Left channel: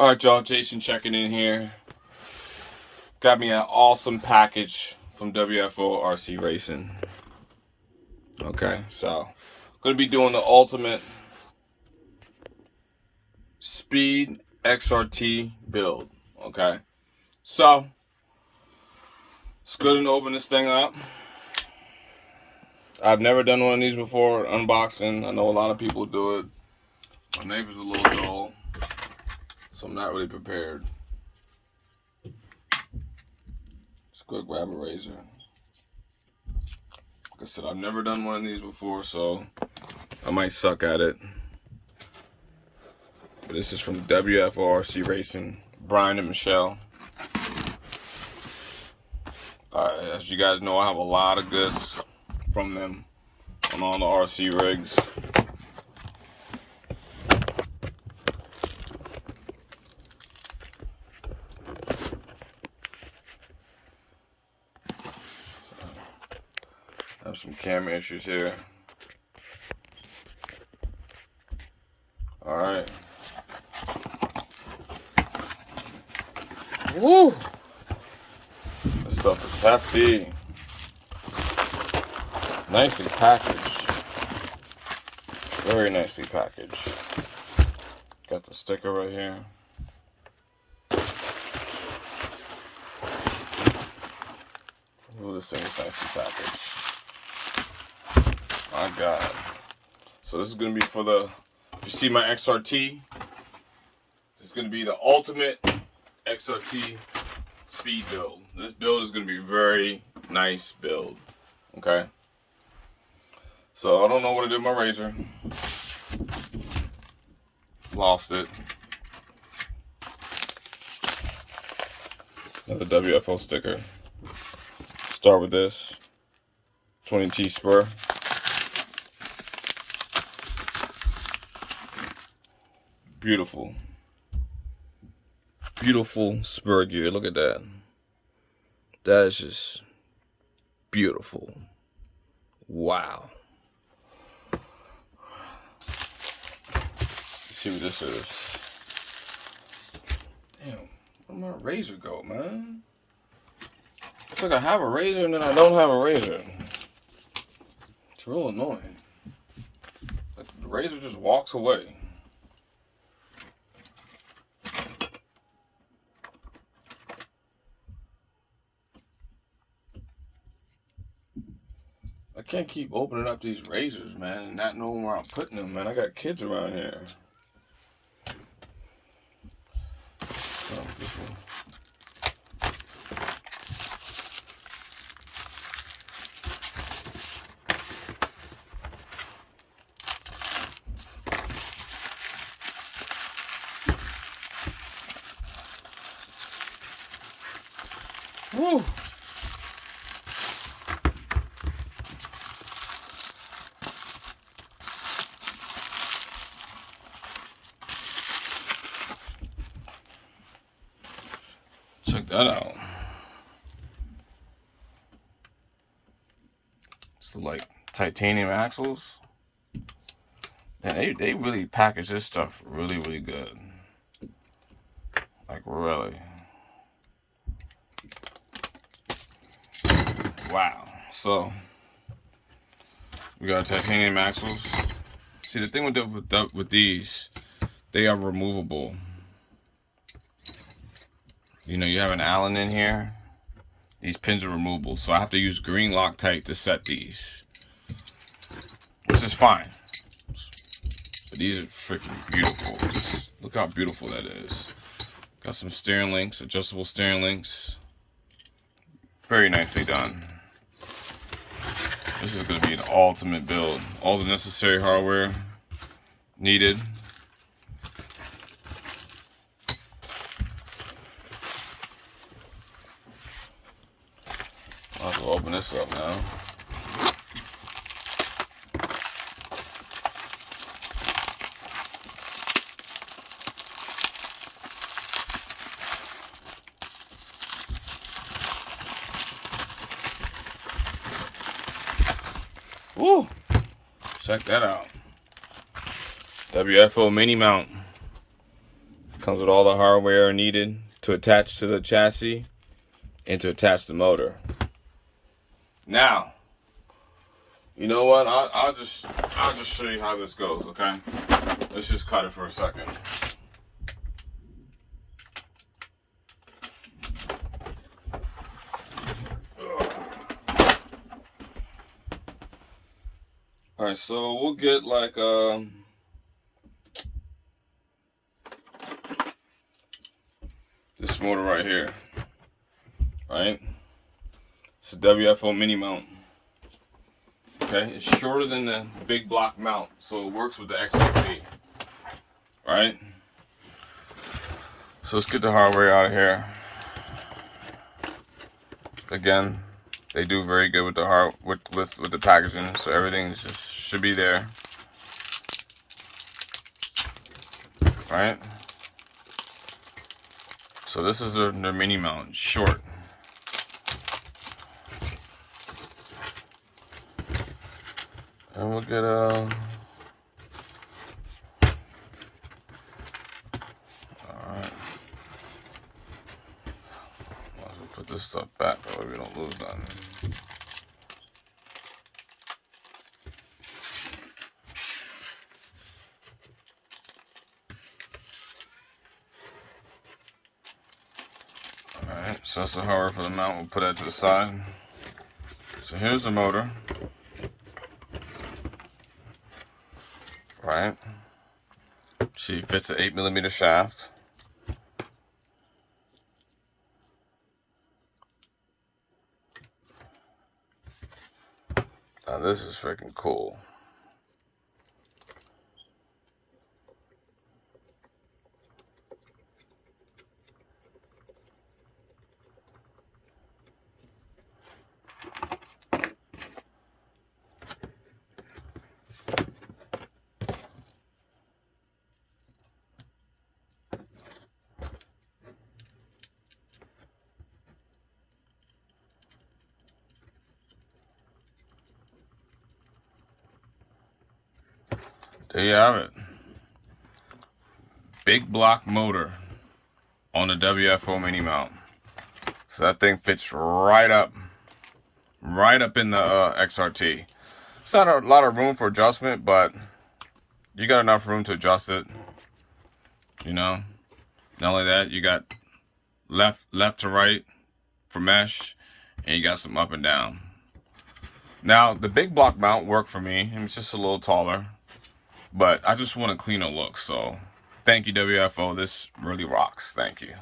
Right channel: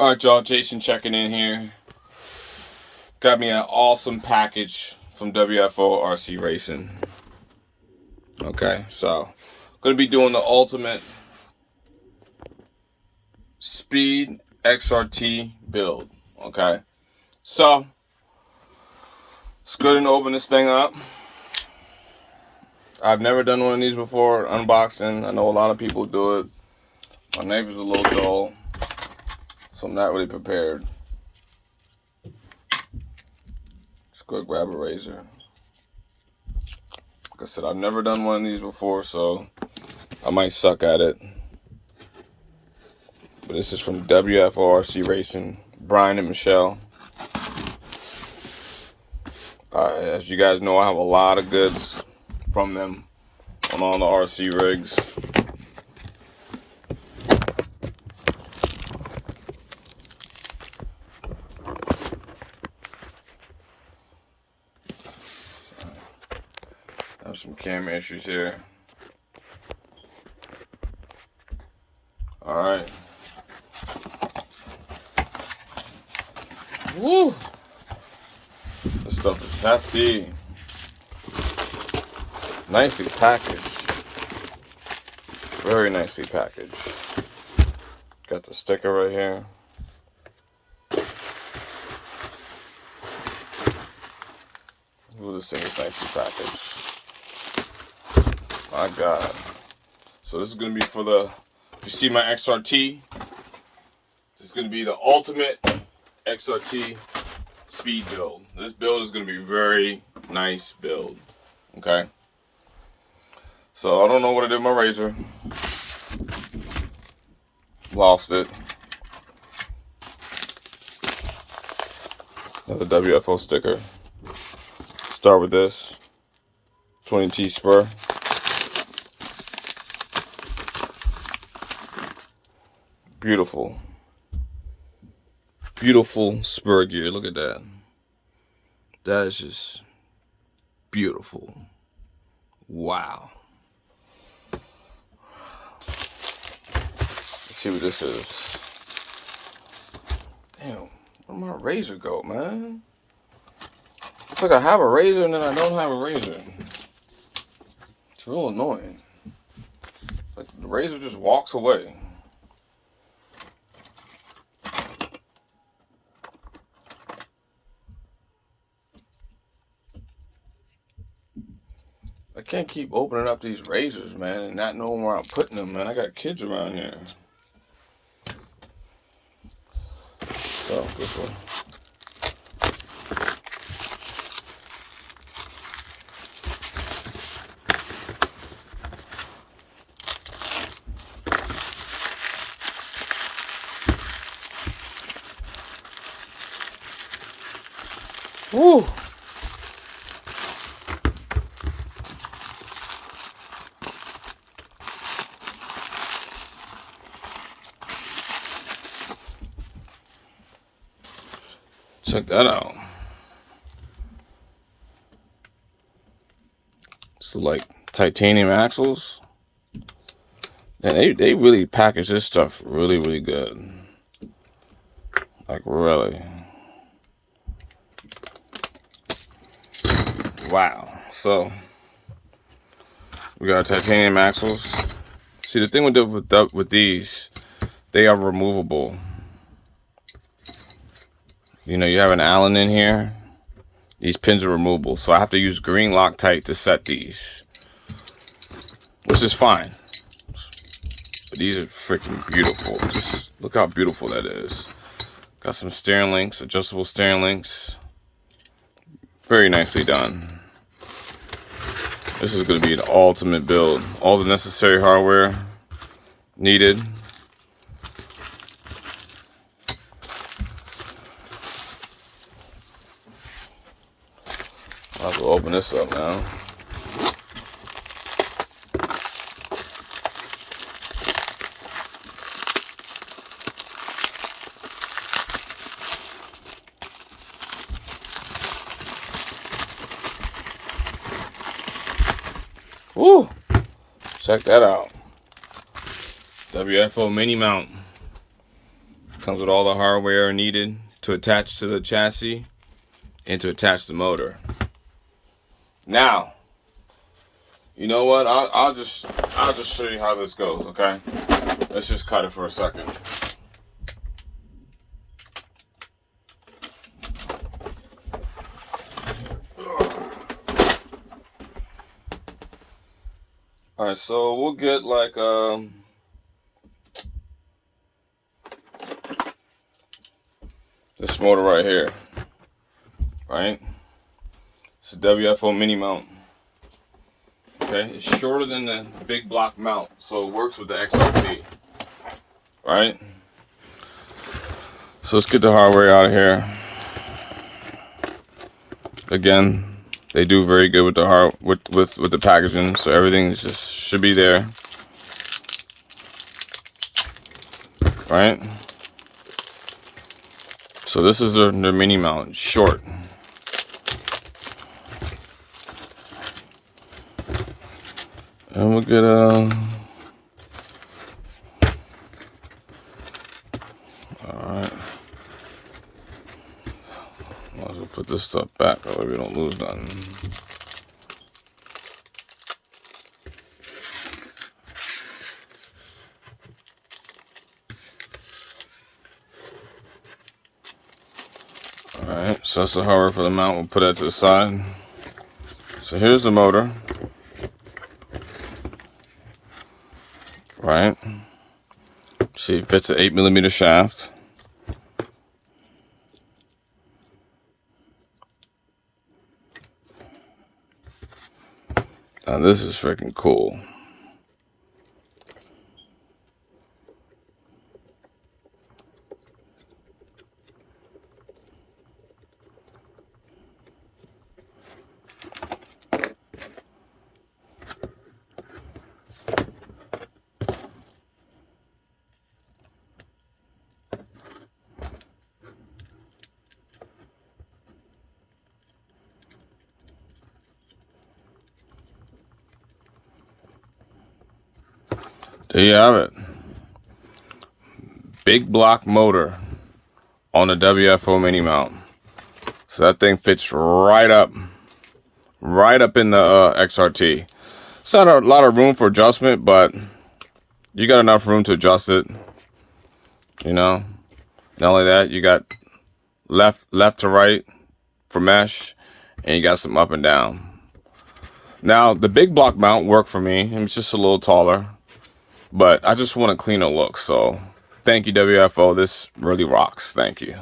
Alright, y'all, Jason checking in here. Got me an awesome package from WFOrcRacing. Okay, so gonna be doing the ultimate speed XRT build. Okay, so let's go ahead and open this thing up. I've never done one of these before, unboxing. I know a lot of people do it. My knife is a little dull, so I'm not really prepared. Just go grab a razor. Like I said, I've never done one of these before, so I might suck at it. But this is from WFOrcRacing, Brian and Michelle. As you guys know, I have a lot of goods from them on all the RC rigs. So, I have some camera issues here. Alright. Woo! This stuff is hefty. Nicely packaged. Very nicely packaged. Got the sticker right here. Ooh, this thing is nicely packaged. My God. So this is going to be for the, if you see my XRT, this is going to be the ultimate XRT speed build. This build is going to be a very nice build. Okay. So I don't know what I did with my razor. Lost it. Another WFO sticker. Start with this 20T spur. Beautiful. Beautiful spur gear. Look at that. That is just beautiful. Wow. Let's see what this is. Damn, where'd my razor go, man? It's like I have a razor and then I don't have a razor. It's real annoying. Like the razor just walks away. I can't keep opening up these razors, man, and not knowing where I'm putting them, man. I got kids around here. So, this one. Woo! Check that out. So like titanium axles. And they really package this stuff really good. Like really. Wow. So we got titanium axles. See, the thing with these, they are removable. You know, you have an Allen in here. These pins are removable, so I have to use green Loctite to set these, which is fine. But these are freaking beautiful. Just look how beautiful that is. Got some steering links, adjustable steering links. Very nicely done. This is going to be the ultimate build. All the necessary hardware needed. I'll have to open this up now. Woo! Check that out. WFO mini mount. Comes with all the hardware needed to attach to the chassis and to attach the motor. Now, you know what? I'll just show you how this goes, okay? Let's just cut it for a second. All right, so we'll get like this motor right here, right? It's a WFO mini mount. Okay, it's shorter than the big block mount, so it works with the XRT, right? So let's get the hardware out of here. Again, they do very good with the with the packaging, so everything just should be there, right? So this is their mini mount, short. And we'll get alright. Might as well put this stuff back, that way we don't lose nothing. Alright, so that's the hardware for the mount. We'll put that to the side. So here's the motor. Right? See, it fits an 8mm shaft. Now this is freaking cool. There you have it. Big block motor on the WFO mini mount. So that thing fits right up in the XRT. It's not a lot of room for adjustment, but you got enough room to adjust it. You know, not only that, you got left to right for mesh, and you got some up and down. Now the big block mount worked for me. It's just a little taller, but I just want a cleaner look. So thank you, WFO. This really rocks. Thank you.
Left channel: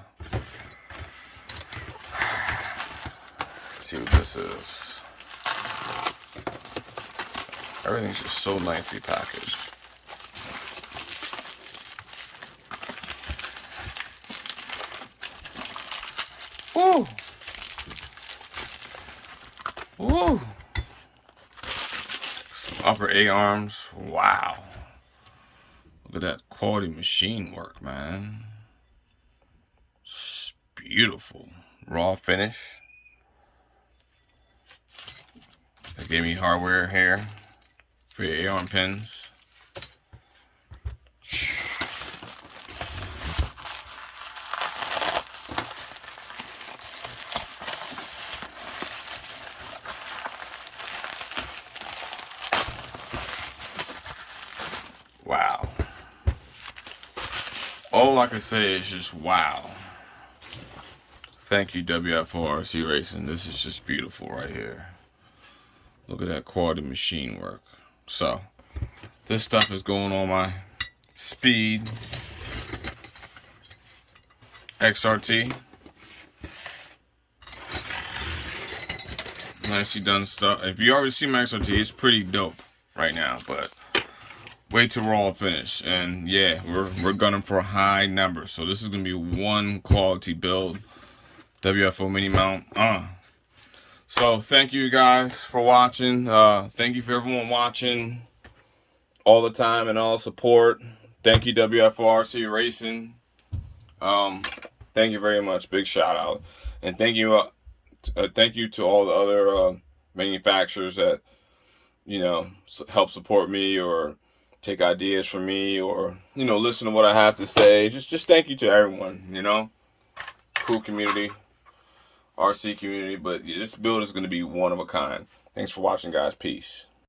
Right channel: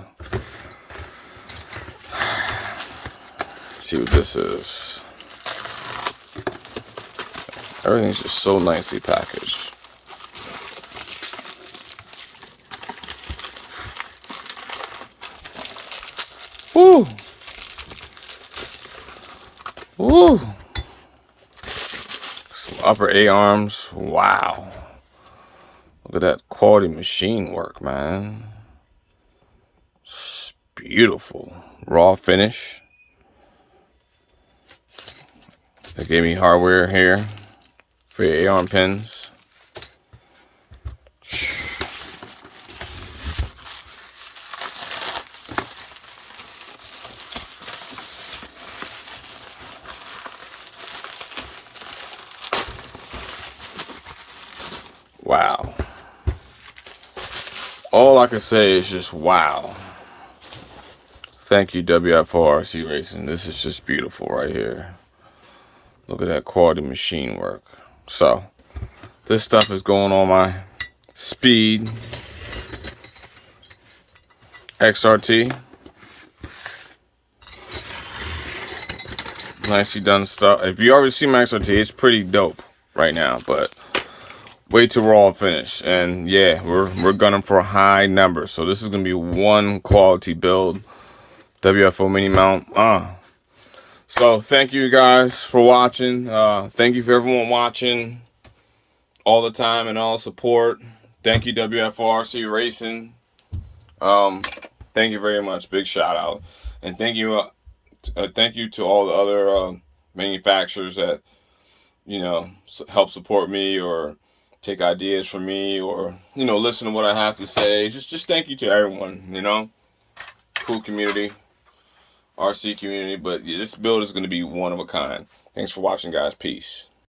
Let's see what this is. Everything's just so nicely packaged. Woo! Woo! Some upper A-arms. Wow. Look at that quality machine work, man. It's beautiful. Raw finish. They gave me hardware here for your A-arm pins. Wow. All I can say is just wow. Thank you, WFOrcRacing. This is just beautiful right here. Look at that quality machine work. So, this stuff is going on my Speed XRT. Nicely done stuff. If you already see my XRT, it's pretty dope right now, but way too raw finish. And yeah, we're gunning for high numbers. So this is gonna be one quality build. WFO mini mount. So thank you guys for watching. Thank you for everyone watching all the time and all support. Thank you, WFOrcRacing. Thank you very much. Big shout out. And thank you to all the other manufacturers that, you know, help support me or take ideas from me, or, you know, listen to what I have to say. Just thank you to everyone, you know. Cool community, RC community, but this build is going to be one of a kind. Thanks for watching, guys. Peace.